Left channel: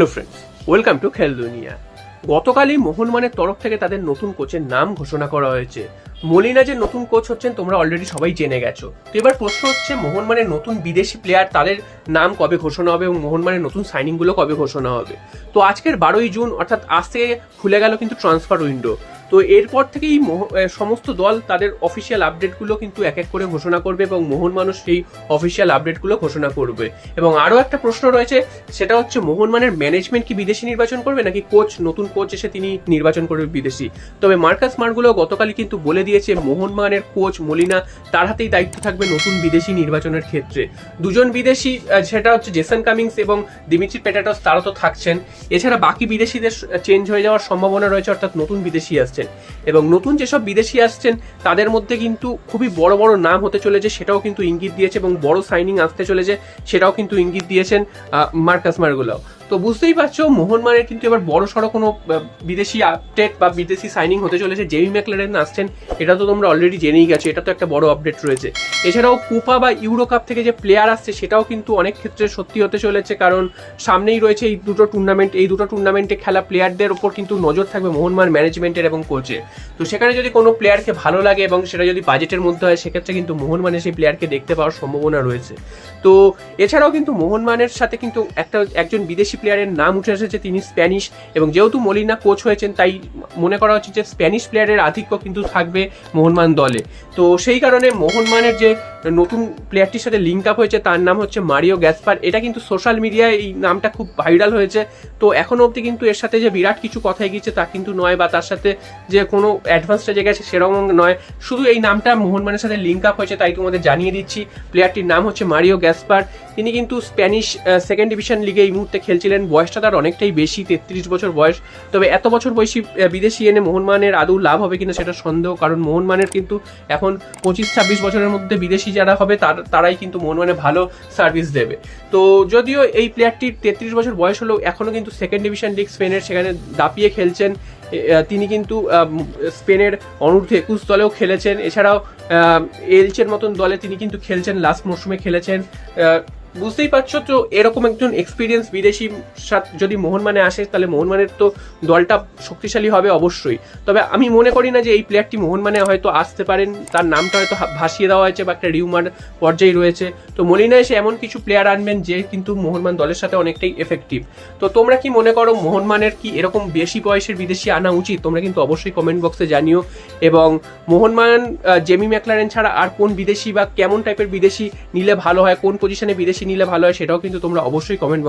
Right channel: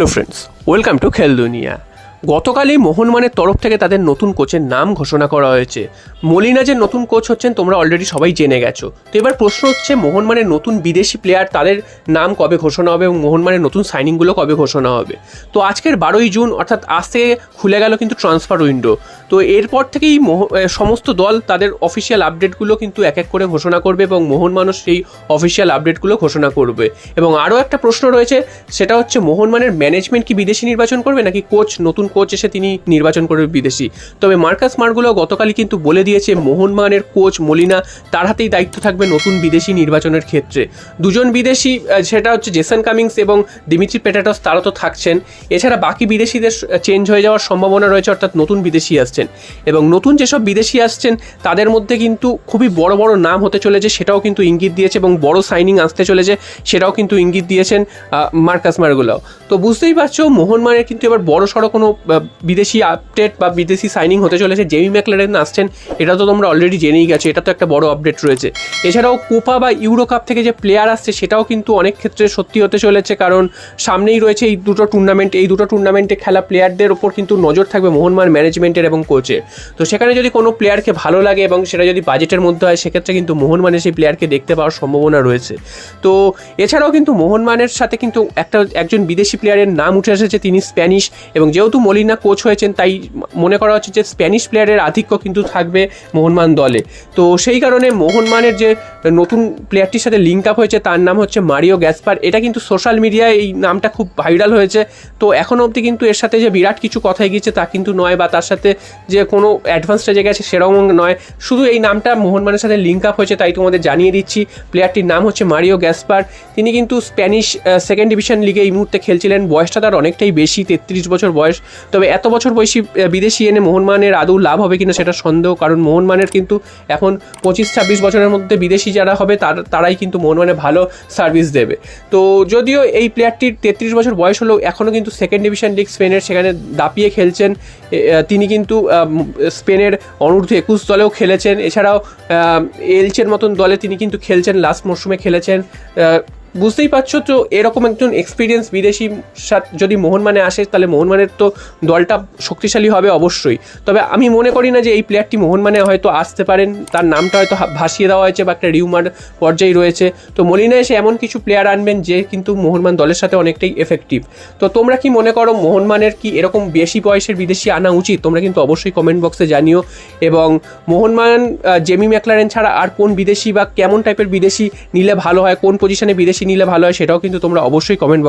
Hello friends, welcome to খেল দুনিয়া। গতকালই মোহনবাগানের তরফ থেকে তাদের নতুন কোচের নাম ঘোষণা করা হয়েছে। মলিনা যে নতুন কোচ হচ্ছেন তোমরা অলরেডি সবাই জেনে গেছো। তো এবার প্রশ্ন হচ্ছে মোহনবাগানের নতুন বিদেশি প্লেয়ার তাদের নাম কবে ঘোষণা হবে এবং মোহনবাগানের নতুন সাইনিংগুলো কবে ঘোষণা হবে। তো আজকের 12ই জুন অর্থাৎ আজকে খুলে গেল কিন্তু ট্রান্সফার উইন্ডো। তো এরপর থেকেই সমস্ত দল তাদের অফিসিয়াল আপডেটগুলো কিন্তু এক এক করে ঘোষণা করবে এবং মোহনবাগান সেই অফিসিয়াল আপডেটগুলো ঘোষণা করবে। এবং আরও একটা প্রশ্ন রয়েছে, সেটা হচ্ছে মোহনবাগানের ম্যানেজমেন্ট কি বিদেশি নির্বাচন করবে নাকি নতুন কোচ এসে তিনি নির্বাচন করবে বিদেশি। তবে মার্কাস মার্গুলো গতকালই কিন্তু বলে দিয়েছে মোহনবাগানের কোচ মলিনা তার হাতেই দায়িত্ব থাকবে নতুন বিদেশি নির্বাচনের ক্ষেত্রে। দুজন বিদেশি, সেটা হচ্ছে জেসন কামিংস এবং দিমিত্রি পেটাটস, তারা তো থাকছেন। এছাড়া বাকি বিদেশিদের চেঞ্জ হয়ে যাওয়ার সম্ভাবনা রয়েছে, অর্থাৎ নতুন বিদেশি আসছেন। এবং নতুন যেসব বিদেশি আসছেন তাদের মধ্যে কিন্তু খুবই বড় বড় নাম হতে চলেছে, সেটাও কিন্তু ইঙ্গিত দিয়েছে, এবং বড় সাইনিং আসতে চলেছে সেটাও কিন্তু ইঙ্গিত দিয়েছেন মার্কাস মার্গুলো। তো বুঝতেই পারছো মোহনবাগানের কিন্তু এবার বড় সড়ো কোনো বিদেশি আপডেট বা বিদেশি সাইনিং হতে চলেছে। জেমি ম্যাকলারেন আসছেন, এটা তো তোমরা অলরেডি জেনেই গেছো, এটা তো একটা বড় আপডেট রয়েছে। এছাড়াও কোপা বা ইউরো কাপ থেকে যে প্লেয়ার আসছে সেটাও কিন্তু অনেক ক্ষেত্রে সত্যি হতে চলেছে, কারণ সামনেই রয়েছে এই দুটো টুর্নামেন্টে খেলা প্লেয়ারদের ওপর কিন্তু নজর থাকবে মোহনবাগান ম্যানেজমেন্টের এবং কোচের। তো সেখানে যদি কোনো প্লেয়ারকে ভালো লাগে এবং সেটা যদি বাজেটের মধ্যে হয়, সেক্ষেত্রে কিন্তু মোহনবাগানের সেই প্লেয়ারকে দেখতে পাওয়ার সম্ভাবনা রয়েছে। তো এছাড়াও কিন্তু মোহনবাগানের সাথে কিন্তু একজন বিদেশি প্লেয়ারের নাম উঠে এসেছে, তিনি স্প্যানিশ, এবং যেহেতু মলিনা কোচ হয়েছেন তাই মনে করা হচ্ছে যে স্প্যানিশ প্লেয়ারের আধিক্য কিন্তু থাকবে মোহনবাগান দলে। তো সেই কারণে মোহনবাগানের যে নতুন প্লেয়ারটির সাথে লিঙ্ক আপ হয়েছে তার নাম হচ্ছে মারিও গ্যাসপার। এটা কিন্তু সোশ্যাল মিডিয়ায় এই নামটা খুব ভাইরাল হয়েছে। তো এখনও অবধি কিন্তু এর সাথে যে বিরাট কিছু কথা গিয়েছে তা কিন্তু নয়, বা তার সাথে যে কোনো অ্যাডভান্স স্টেজে গেছে সেরকম নয়, শুধু এই নামটা মোহনবাগানের সাথে লিঙ্ক আপ হয়েছে, তাই তোমাদের জানিয়ে দিচ্ছি। প্লেয়ারটির নাম হচ্ছে মারিও গ্যাসপার। তিনি কিন্তু স্প্যানিশ সেকেন্ড ডিভিশন লিগে এই মুহূর্তে খেলছিলেন। বয়সটা তার অনেকটাই বেশি, 33 বছর বয়স। তবে এত বছর বয়সী বিদেশি এনে মোহনবাগানের আদৌ লাভ হবে কিনা সেটা সন্দেহ, কারণ মোহনবাগানের কিন্তু এখন 25-26 বছরের মধ্যে বিদেশি যারা হবে তারাই কিন্তু মোহনবাগানে ভালো সার্ভিস দেবে। তো যদিও এই প্লেয়ারটির 33 বছর বয়স হলেও এখনও কিন্তু সেকেন্ড ডিভিশন লিগ স্পেনের সেখানে দাপিয়ে খেলছেন। তিনি কিন্তু স্পেনের অনূর্ধ্ব-21 দলেও খেলেছেন। এছাড়াও এলচের মতন দলে তিনি কিন্তু খেলছেন, লাস্ট মরশুমে খেলেছেন। বুঝতেই পারছো, তো এরকম একজন এক্সপিরিয়েন্স বিদেশি যদি মোহনবাগানে আসে তাহলে মোহনবাগানের তো দলটা শক্তিশালী হবে অবশ্যই। তবে আমি মনে করি না যে এই প্লেয়ারটি মোহনবাগানে হয়তো আসতে পারেন, তার নামটা হয়তো ভাসিয়ে দেওয়া হয়েছে বা একটা রিউমার পর্যায়ে রয়েছে। তো মলিনা এসে এমন কিছু প্লেয়ার আনবেন যে কিন্তু মোহনবাগান দলের সাথে অনেকটাই এফেক্টিভ। তো তোমরা কি মনে করো মোহনবাগানের কি এরকম বেশি বয়সের বিদেশি আনা উচিত? তোমরা কিন্তু অবশ্যই কমেন্ট বক্সে জানিও। এবং মোহনবাগান জেমি ম্যাকলারেন ছাড়া আর কোন বিদেশি বা কেমন টাইপের বিদেশি নিলে ভালো হয়, কোন পজিশনে বিদেশি নিলে ভালো হয়, সেটাও কিন্তু তোমরা অবশ্যই কমেন্ট বক্সে